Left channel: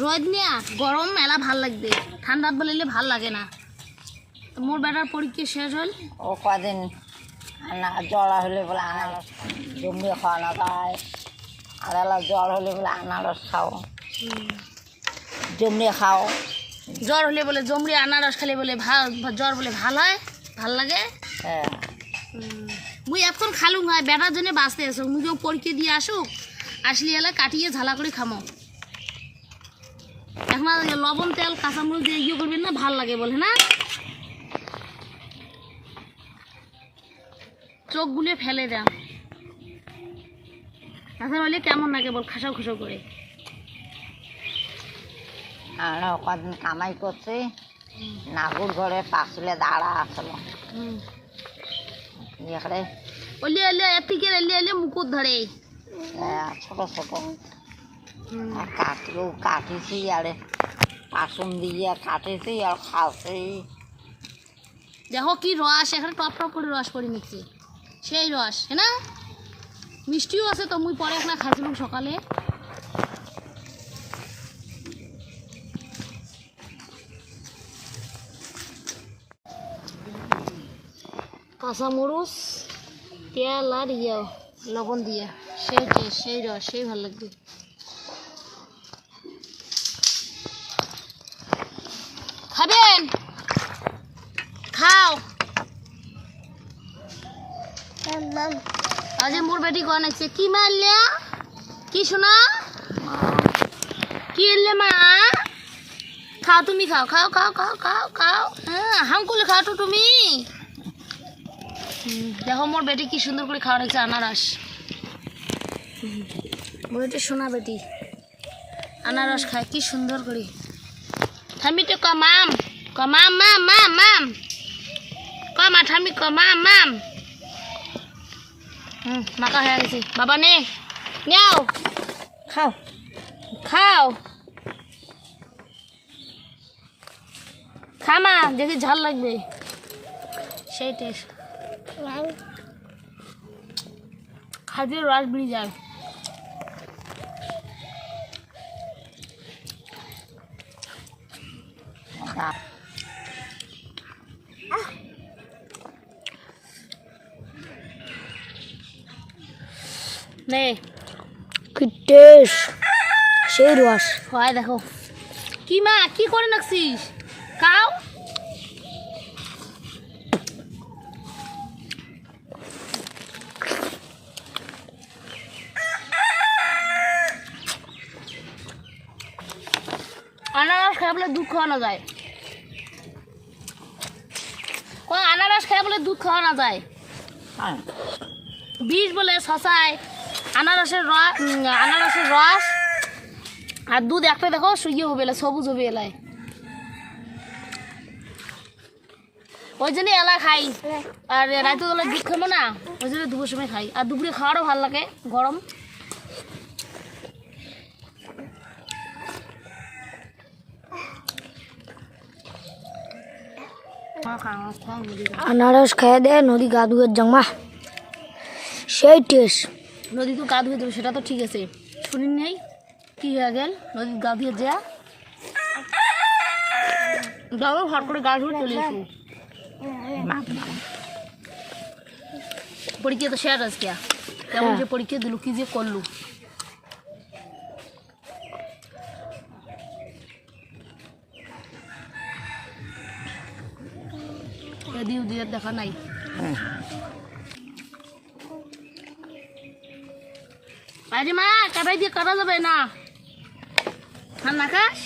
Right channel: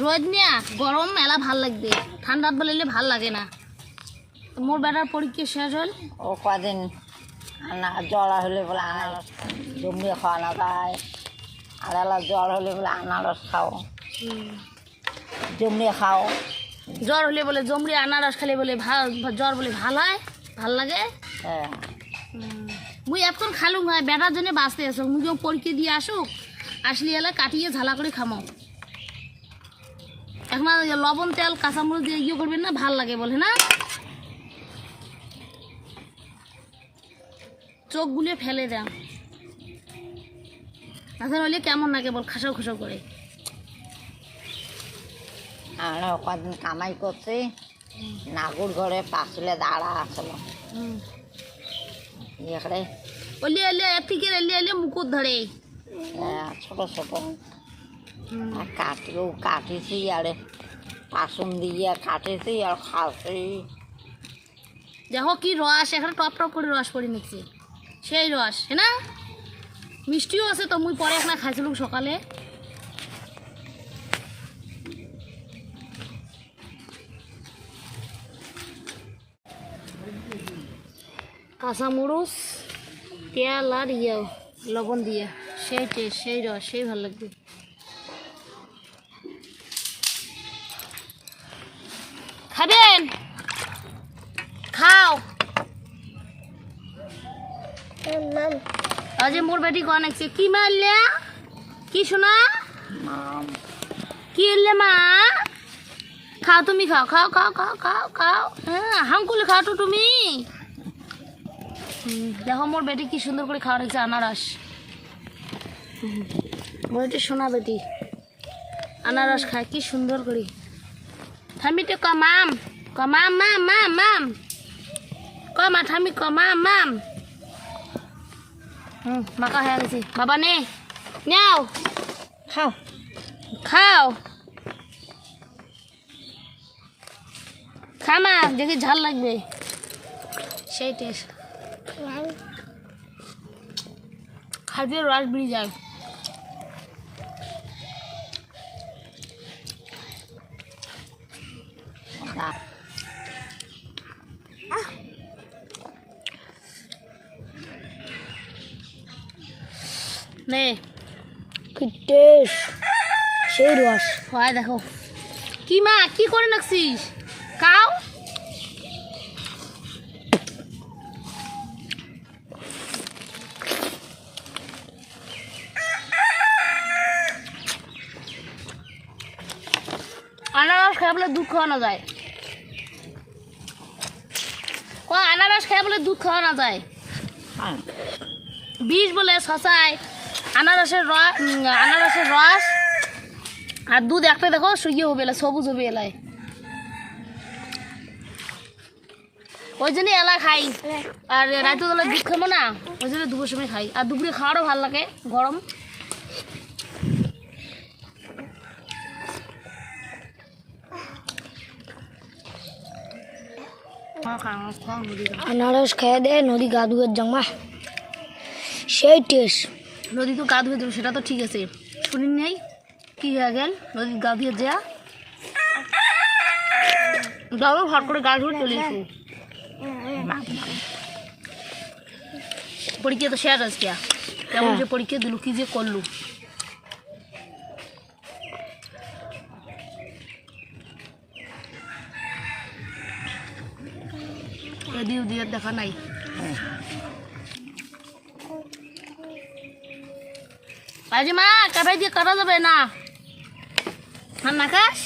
রোদ নিয়া গরম মেলা ভাল লাগবে, ঠান্ডাত বলিলে ভাল লাগে না। মোর বেটার পরীক্ষা শেষ হল, ও কদিন জ্বর হলে বলে আনারস জমিয়ে খাওয়ানো যায়, আর জ্বর হলে বলে আনারস খাও, জমিয়ে খাও। জ্বর হলে বলে জমরি আনারস খালে বলে জ্বর বলে ভাল হয়, ভাল লাগে। হ্যাঁ মুই এখন খালুম হয়, বেটার জন্য বাঁচতে আসো। মুই কেউ পরীক্ষা দিয়ে আসুক, আসলি এলা কাটিয়ে ঝালা করে খামো। এখন লবণ তেল কাঁচামরিচ দিয়ে ইয়ে করবেন না, ভাল লাগে বলে না। চোখ গুলিয়ে ফেলে দেয়, এখন হলে কেমন না কেবল খাসাও খাসাও করে। আমরা কদিন কামাই করছি, নাগুর ঘরে পাশলে দাঁড়া আসলো এখানে ওলি এলে থেকে এলে এলে মুকুট ধরে ছোট ছোট কাটিছি আরে পাসুন দিয়ে কাটেছি আর খাওয়াছি। দেখো কি রস, এখানে টপ টপ করে রস পড়ে নিচ্ছে, সেই রস হ্যাঁ না। মিষ্টিও আছে তো, মুই পরে এখন খাইছিলাম সকালে। কাঁচামরিচ তেল আর লবণ দিয়ে, সেই টেস্ট, সেই রস, সেই ভালো লাগবে। খাবেন? খাও। আজ মোর বেটি কোয়া নাকছে, কি মারলে কি শোনা, কি এলে মা? খাও তুমি, খাও খাও খাও খাও খাও খাও, হ্যাঁ হামকুলে খাও তো তুমি। দেখো মোর বেটি কি সুন্দর করে খাওয়া রাখছে আনারস। বইটা শোনা বেটি আনারস খায় কি সুন্দর করে। ঠামি তো কমাম কমাম মাম মাম মাম কমা ঠামি কমাম মাম। মাকা হয়ে গেছে বাবা, নে নাও খাও খাও, খামা দেখি ঝাল লাগবে, সেই টেস্ট। খাইতে রস বেরিয়ে যায়। নে টেস্ট, সেই রস হয়। দেখো কি মা কি করে নাকছিস, খাও। আনারস খাই বলে দুধ খাওয়ানো যায়, আনারস খাই বলে দুধ খাওয়ানো যায়। বিষ বলে শশায় আনারসের রস আর দুধ একটা দেখো সুইয়ে হবে এলা, সবুজ হবে এলায়। ওই জন্য এলা খাই, আর রাতে বেলা দুধ খাবো না, ওই জন্য দুপুর সময় খাই। আর দুপুরে খাওয়ারও ভালো লাগে গরম। আনারস খেয়ে দে, নদী গা ধুয়ের জামা, সেই টেস্ট। নদী তো গা ধুয়ে দেবে সেটা তো ঠিক আছে, শুনি নেই কি হয়ে গেল নদী গা ধুয়ে যা যাবো হট করে গা ধুয়ে চলে এসো। পরীক্ষা তো শেষ আজকে, কেমন যে পরীক্ষা দিল, কি যে করলু। এদিও দিয়ে দেখা নাই। আজ মা কাটাই দিয়ে কাটা যাবে না, না খাস।